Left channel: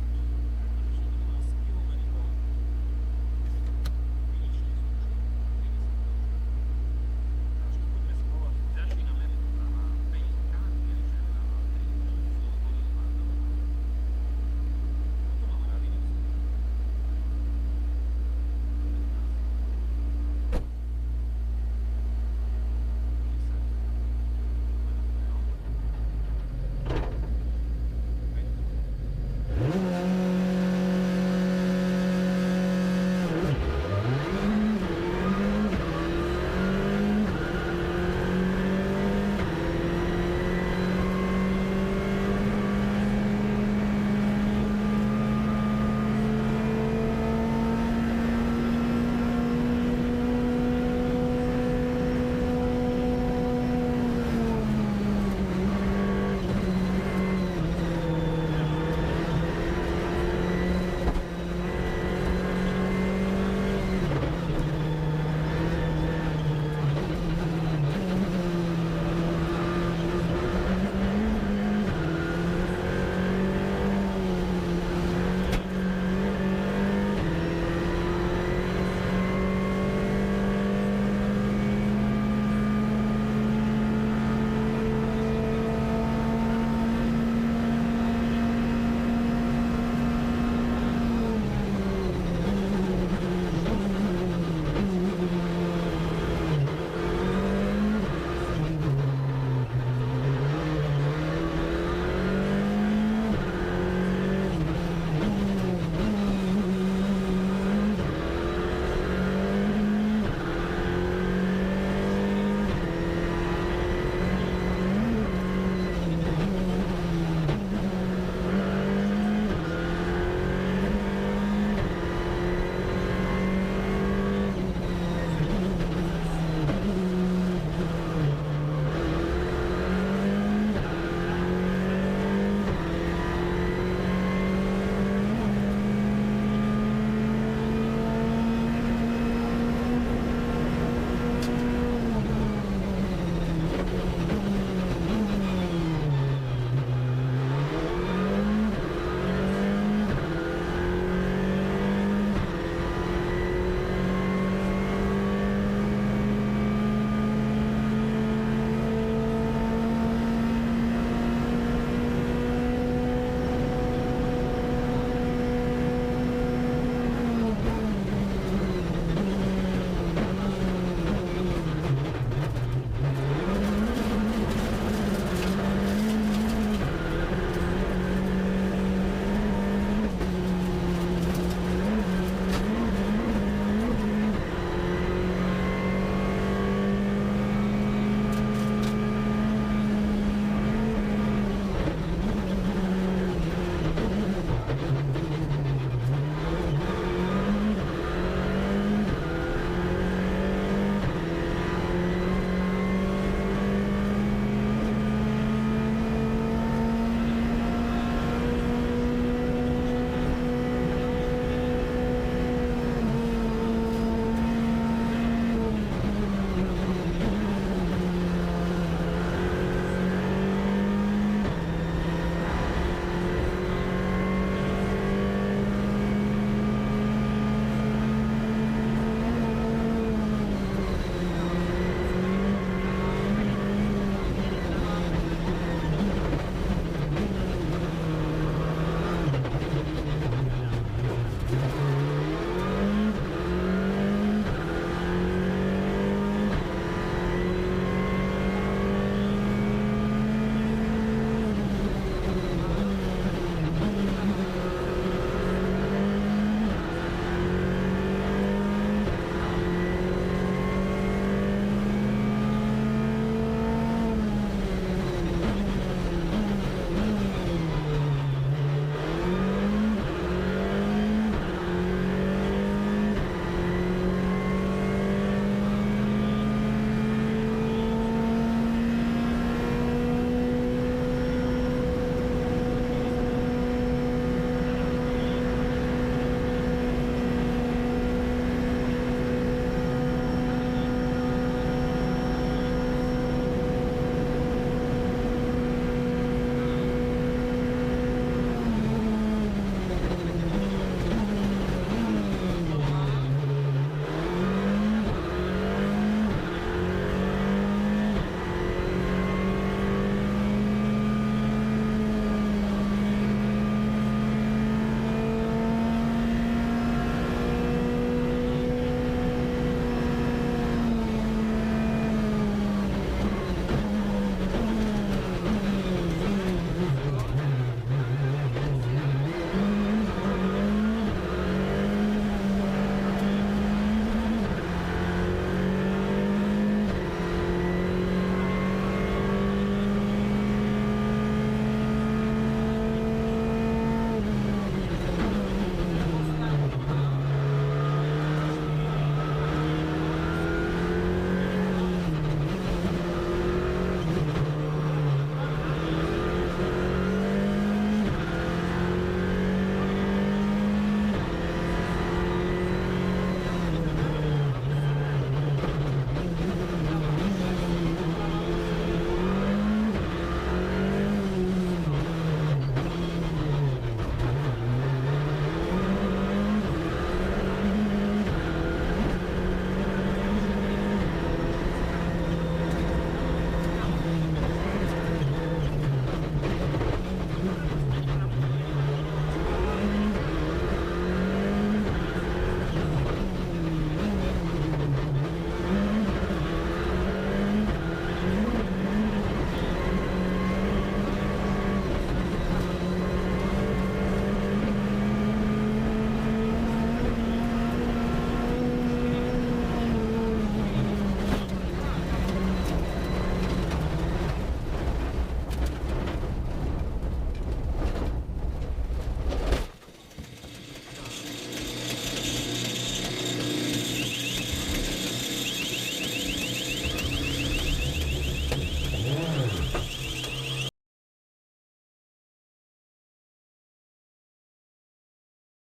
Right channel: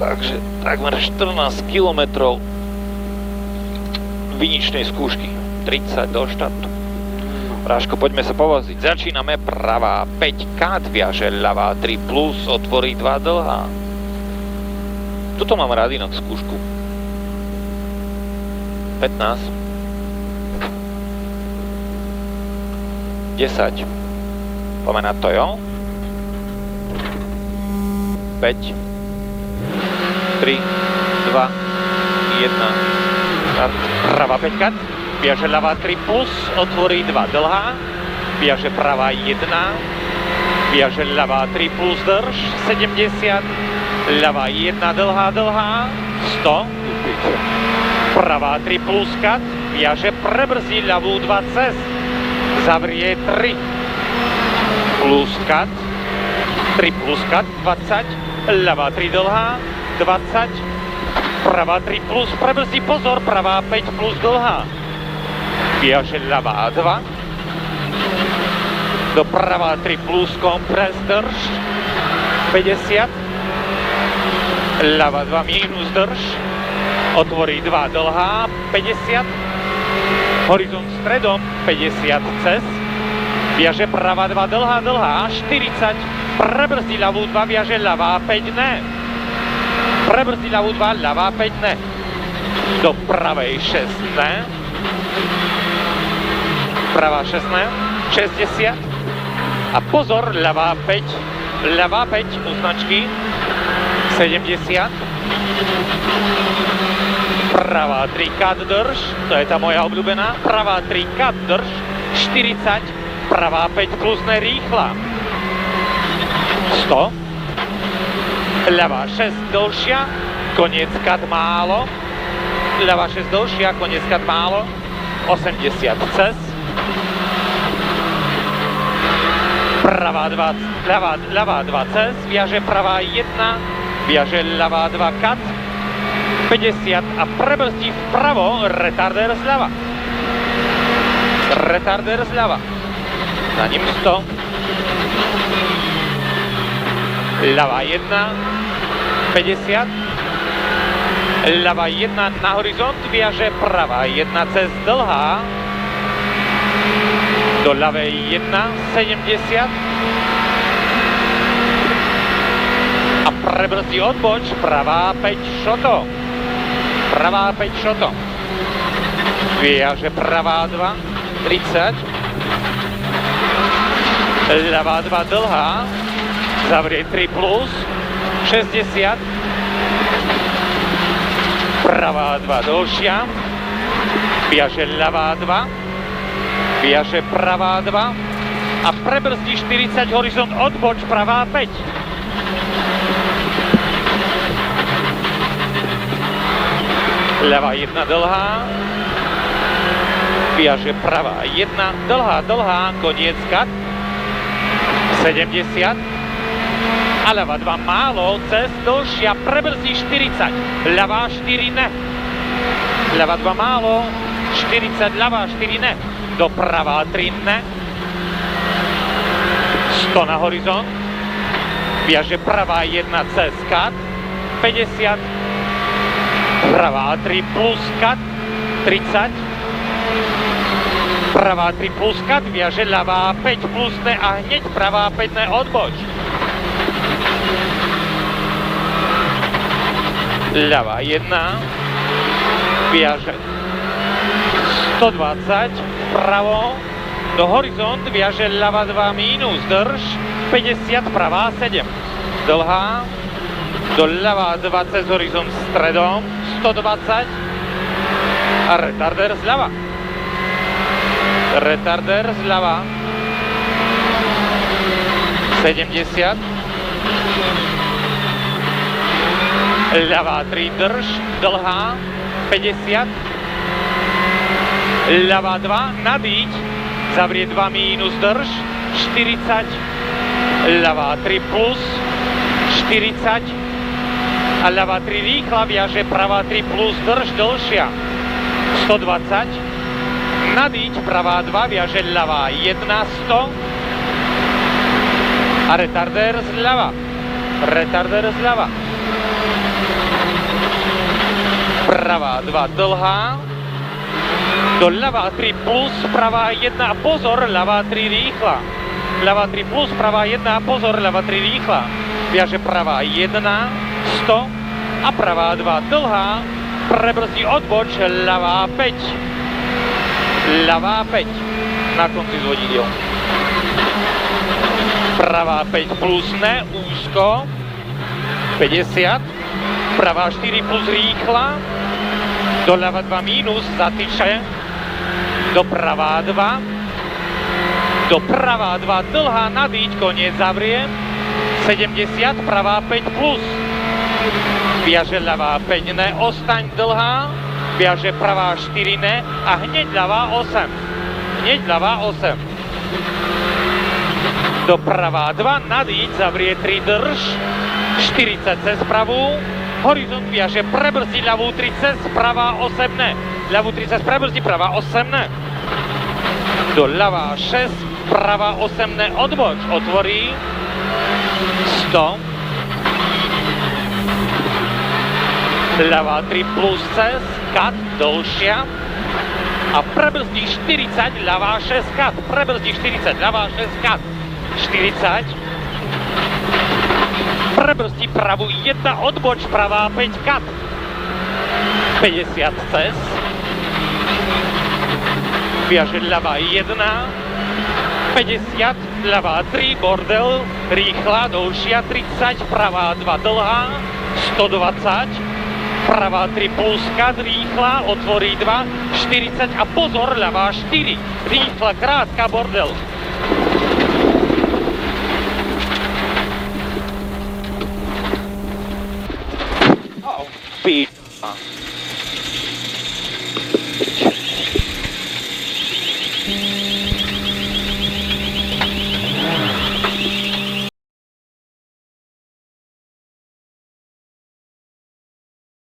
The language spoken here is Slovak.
Takže takmer 14 km viničnej skúšky. 30 do štartu. Práško, poďme sa povoziť. Začíname pravá 5 kat, viaže ľavá 3 plus, otvorí 2 dlhá. Tuto mám radinok skúšku. 15. 10. Poďme na to, jo? 5. 3, 2, 1. Start. Pravá 5 kat. Viaže ľavá 3 plus, otvorí 2 dlhá, viaže pravá 1, viaže ľavá 3 plus drž, 70, ľavá 1 dlhá, 100, pravá 3 plus kat, viaže prebrzdí ľavú 2 cez, zavrie 3, plus kat, 3 plus kat, 20, ľavá 3 dlhá, 20, pravá 3 plus, prebrzdí pozor, pravá 5 plus dlhá. Viaže ľavá 2, doprava 3 plus kompres drž, 50, ľava 2 minus drž, otvorí 2 dlhá, 50, horizont stredom, 50 cez, viaže prava 2 dlhá, 40, prebrzdí ľavú 2, viaže ľavá 5 ne, prebrzdí ľavú 2, ľavá 5 ne, do pravej 6 ne, pravá 16, 60 a pozor, ľavá 5 u značky, 70, pravá 3 kat drž, to je tá moja obľúbená, pravá 3 kat drž, 40, pravá 5 plus nerýchla, 100, ľavá 6 dlhšia, koniec kat málo, ľavá 6 dlhšia, koniec kat málo, 80 cez, pravá 2, ľavá 2 cez, viaže pravá 1, viaže ľavá 2 kat, 50 a prebrzdí vpravo, retardér zľava. Retardér zľava. Za ním 100. Ľavá 1, 50. Ľavá 1 na horizont, viaže pravá 1 cez dlhá. Do ľavej 1, 70 a prebrzdí odboč, pravá 5 šoto, pravá 5 šoto, viaže pravá 2, 30, ľavá 2 dlhá, zavrie 3 plus, 60, pravá 2 dlhšia, viaže ľavá 2, viaže pravá 2 a prebrzdí 40, horizont odboč, pravá 5. Ľavá 1 dlhá, viaže pravá 1, dlhá, koniec kat, 70 a ľavá 2 málo, cez dlhšia, prebrzdí 40, ľavá 4 ne, ľavá 2 málo, 40, ľavá 4 ne, doprava 3 ne, 100 na horizont, viaže pravá 1 cez kat, 50, pravá 3 plus kat, 30, pravá 3 plus kat, viaže ľavá 5 plus ne a hneď pravá 5 ne odboč. Ľavá 1, viaže 120, pravo, do horizont, viaže ľava 2 minus, drž, 50, pravá 7, dlhá, do ľava 2 cez horizont stredom, 120 a retardér zľava. Retardér zľava, 70, ľavá 3 drž, dlhá, 50, ľavá 2, nadíť, zavrie 2 minus drž, 40, ľavá 3 plus, 40 a ľavá 3 rýchla, viaže pravá 3 plus drž, dlhšia, 120, nadíť, pravá 2, viaže ľavá 1, 100 a retardér zľava. Retardér zľava. Pravá 2 dlhá. Do ľavá 3 plus, pravá 1 a pozor, ľavá 3 rýchla. Ľavá 3 plus, pravá 1 a pozor, ľavá 3 rýchla. Viaže pravá 1, 100 a pravá 2 dlhá. Prebrzdí odboč, ľavá 5. Ľavá 5 na konci s vodidiel. Pravá 5 plus ne, úzko. 50. Pravá 4 plus rýchla. Doľava 2 mínus, zatyče. Dopravá 2. Dopravá 2 dlhá, nadíť, koniec zavrie. 70, pravá 5 plus. Viaže ľavá 5 ne, ostaň dlhá. Viaže pravá 4 ne a hneď ľavá 8. Hneď ľavá 8. Dopravá 2, nadíť, zavrie 3, drž. 40 cez pravú. Horizont viaže, prebrzdí ľavú 3 cez, pravá 8 ne. Ľavú 3 cez prebrzdí, pravá 8 ne. Do ľavá 6, pravá 8 ne, odboč, otvorí. 100. Ľavá 3 plus cez, kat, dlhšia. A prebrzdí 40, ľavá 6, kat. Prebrzdí 40, ľavá 6, kat. 40. Prebrzdí pravú 1, odboč, pravá 5, kat. 50 cez. Viaže ľavá 1. 50, ľavá 3, bordel, rýchla, dlhšia, 30, pravá 2 dlhá, 120. Pravá 3 plus kat, rýchla, otvorí 2, 40 a pozor, ľavá 4, rýchla, krátka, bordel. Píča.